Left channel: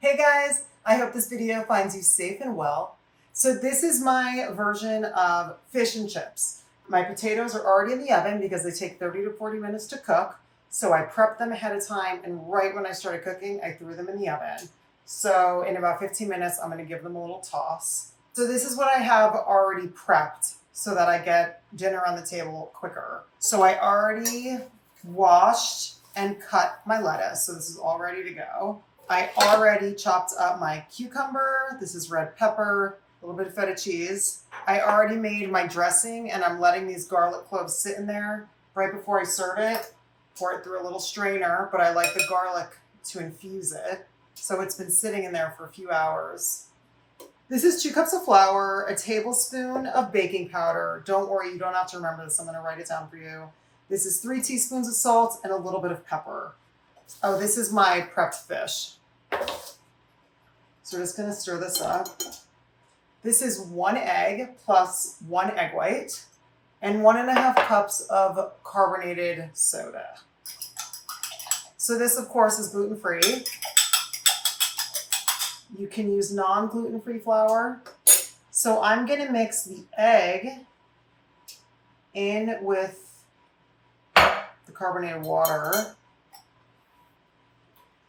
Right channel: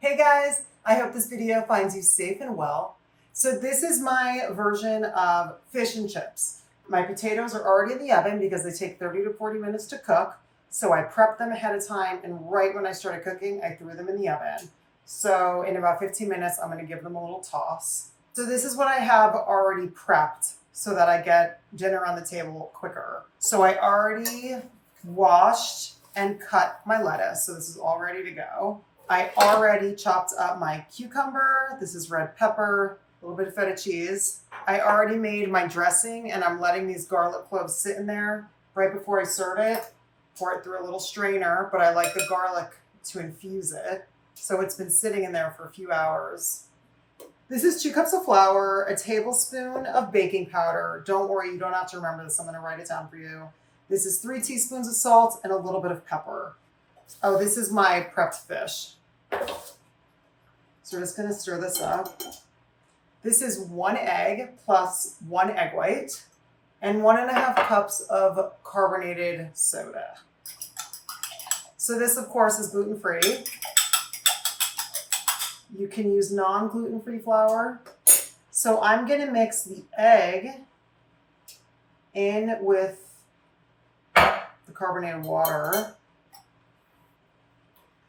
Hey guys, I hope this video finds you safe and well. So this is my version of fish and chips. My potatoes are already in the oven because they take 30 to 40 minutes to cook. So I prepped them ahead of time, and right when I started cooking, I threw them in the oven. So in about 15 minutes, I'm gonna give them a little toss. So this is what I have already prepped so that I get dinner on the table quicker. So I already washed and cut my lettuce. So this is all ready to go. I already chopped up my cucumber. This is red pepper, a little bit of feta cheese. I already made my dressing, and I'm letting these garlic cloves sit in there right before I serve it. Pour it through a little strainer, but I like the garlic to infuse it. So it's been sitting in there for a few hours. This is 2 cups of flour, a tablespoon of baking powder. Don't worry, you don't have to remember this. I'm going to write it down for you. This is 3 teaspoons of salt and a little bit of pepper. Oh, this is my prepped fish. So we're just going to stir this up. This is 1 egg plus 1 egg white and 1.5 cups of carbonated soda. So this, of course, is gluten-free. You can use non-gluten-free flour. So I'm going to mix the egg in with the carbonated water.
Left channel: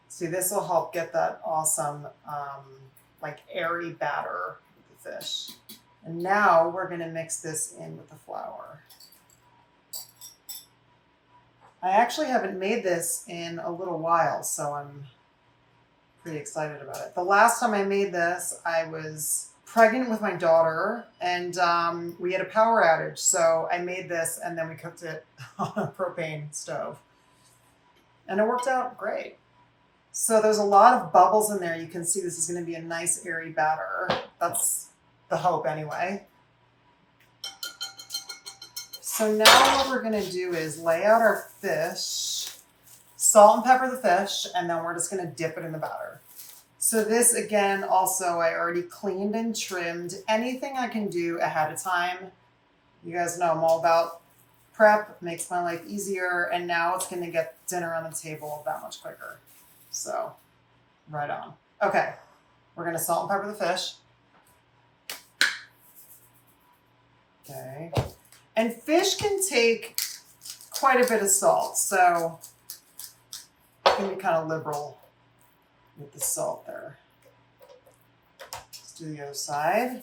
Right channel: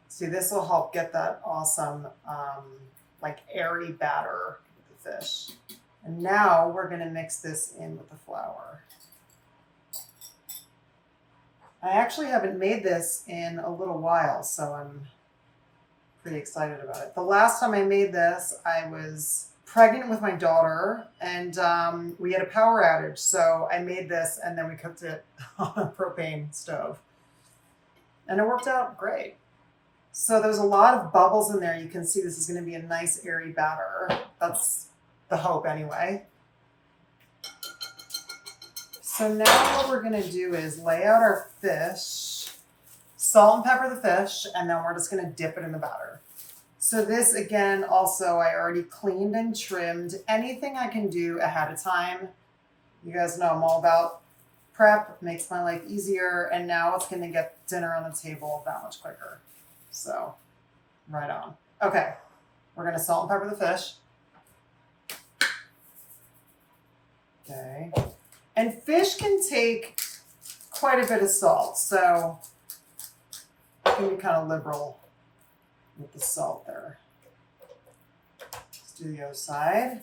See, this will help get that awesome, like airy batter with the fish. And now we're going to mix this in with the flour. I actually haven't made this in a little while, so I'm pretty excited about it. The last time I made this, I was pregnant with my daughter, and we had a power outage. So I made this, and then we cooked it on a propane stove. And it worked out great. So there's a lot of bubbles in there. You can see this is going to be a nice airy batter. That's the hope anyway. So now what we're going to do is lay out our fish, salt and pepper the fish, and then we're just going to dip it in the batter. So this, again, also I already cleaned and trimmed. Anything I can do ahead of time. You guys know I'm all about prep, makes my life easier, and now it's going to get dinner on the table that much quicker. So, right on. Okay, we're going to salt and pepper the fish. Okay. And fish can take quite a bit of salt, so you can be kind of liberal with the salt there. Let's do the other side.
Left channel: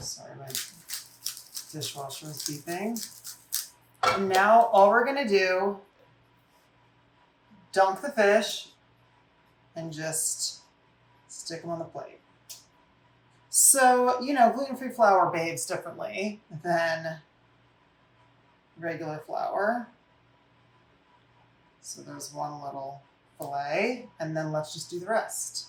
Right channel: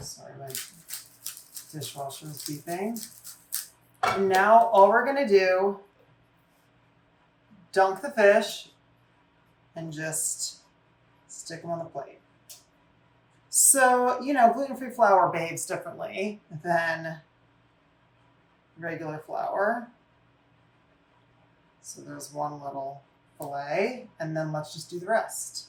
Sorry, my dishwasher is beeping. And now all we're going to do, dunk the fish and just stick them on the plate. So, you know, gluten-free flour behaves differently than regular flour. So there's one little fillet, and then let's just do the rest.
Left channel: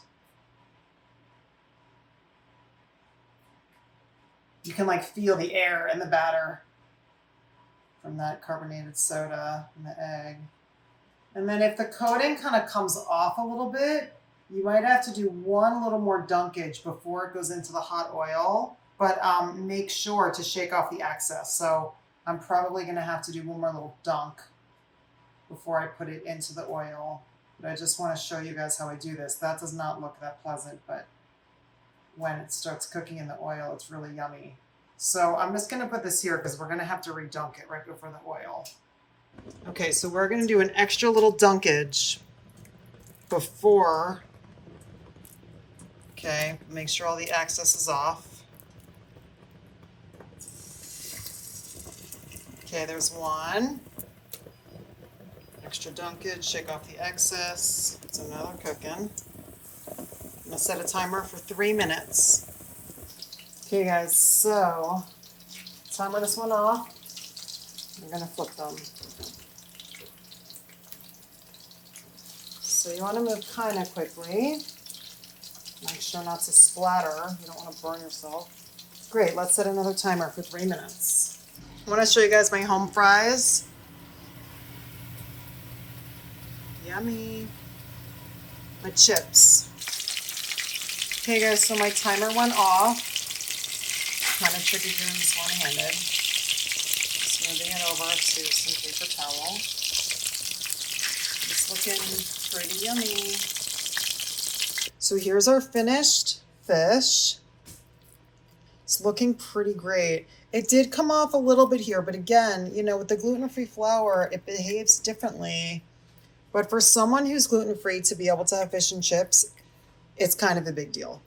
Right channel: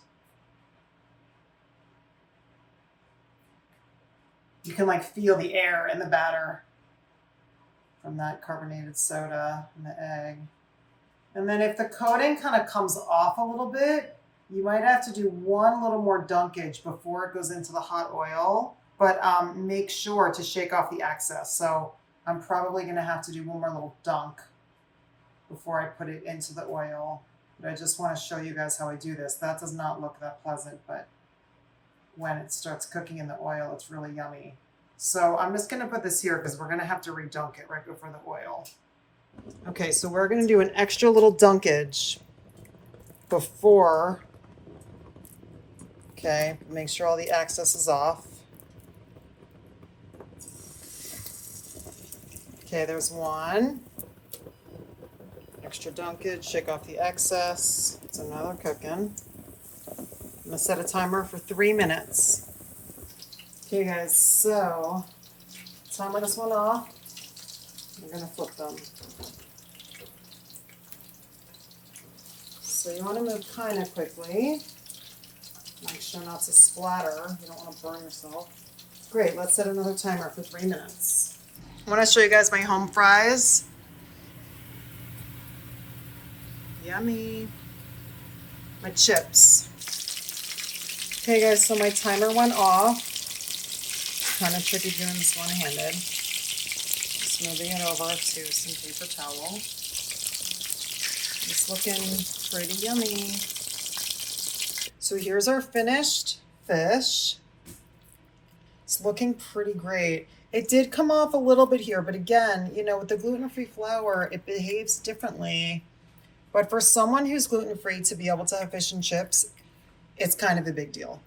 You can like feel the air in the batter from that carbonated soda and the egg. And then if the coating kind of comes off a little bit, you might have to do one little more dunkage before it goes into the hot oil, but make sure to shake off the excess. So I'm probably going to have to do one more little dunk before I put it into the oil. But I just want to show you guys how I do this. That does not look that pleasant, but when it starts cooking in the oil, it's really yummy. So I'm just going to put this here because we're going to have to redunk it right before the oil. Okay, so we're going to do an extra little dunkage before. Okay, make sure all the excess is off. Okay, there's one. Extra dunkage, shake off the excess. It's another cooking. I'm gonna set a timer for 3 minutes. Okay guys, so timer this one off. I'm gonna flip them. So you wanna move kind of quickly. Make sure not to splatter. You don't wanna burn yourself. Great, let's set another timer for 3 minutes. I wanna show you guys my home fries. Yummy. My chips. Okay guys, so my timer went off. Kind of tricky doing this one-handed. Just moving it over to some paper towel. It's looking pretty yummy. So here's our finished fish. It's looking pretty great. It did come off a little bit here, but again, you know, with the gluten-free flour, it behaves differently. But for someone who's gluten-free to be able to have fish and chips, it's kind of a big deal.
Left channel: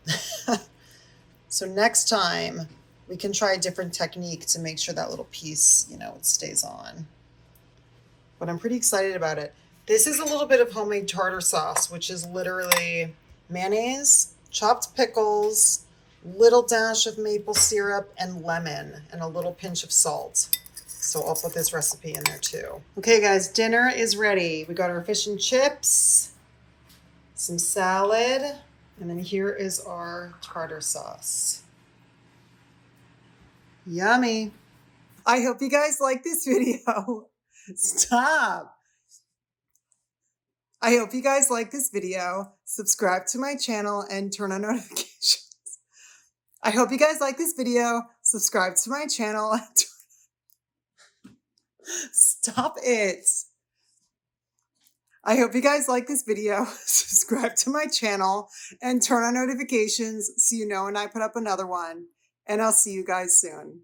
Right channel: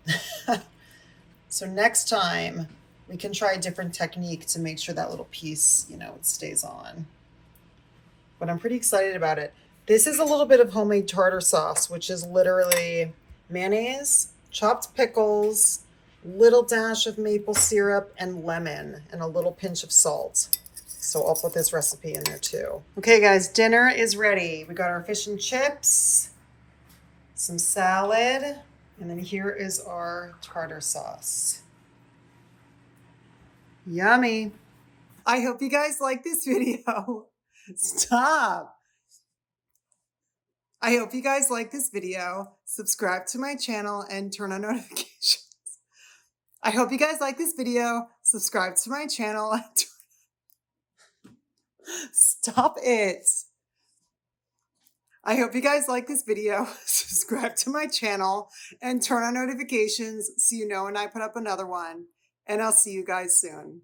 So next time we can try a different technique to make sure that little piece, you know, it stays on. But I'm pretty excited about it. This is a little bit of homemade tartar sauce, which is literally mayonnaise, chopped pickles, little dash of maple syrup, and lemon, and a little pinch of salt. So I'll put this recipe in there too. Okay guys, dinner is ready. We got our fish and chips, some salad, and then here is our tartar sauce. Yummy. I hope you guys like this video. Stop. I hope you guys like this video. Subscribe to my channel and turn on notifications. I hope you guys like this video. Subscribe to my channel. Stop it. I hope you guys like this video. Subscribe to my channel and turn on notifications so you know when I put up another one. And I'll see you guys soon.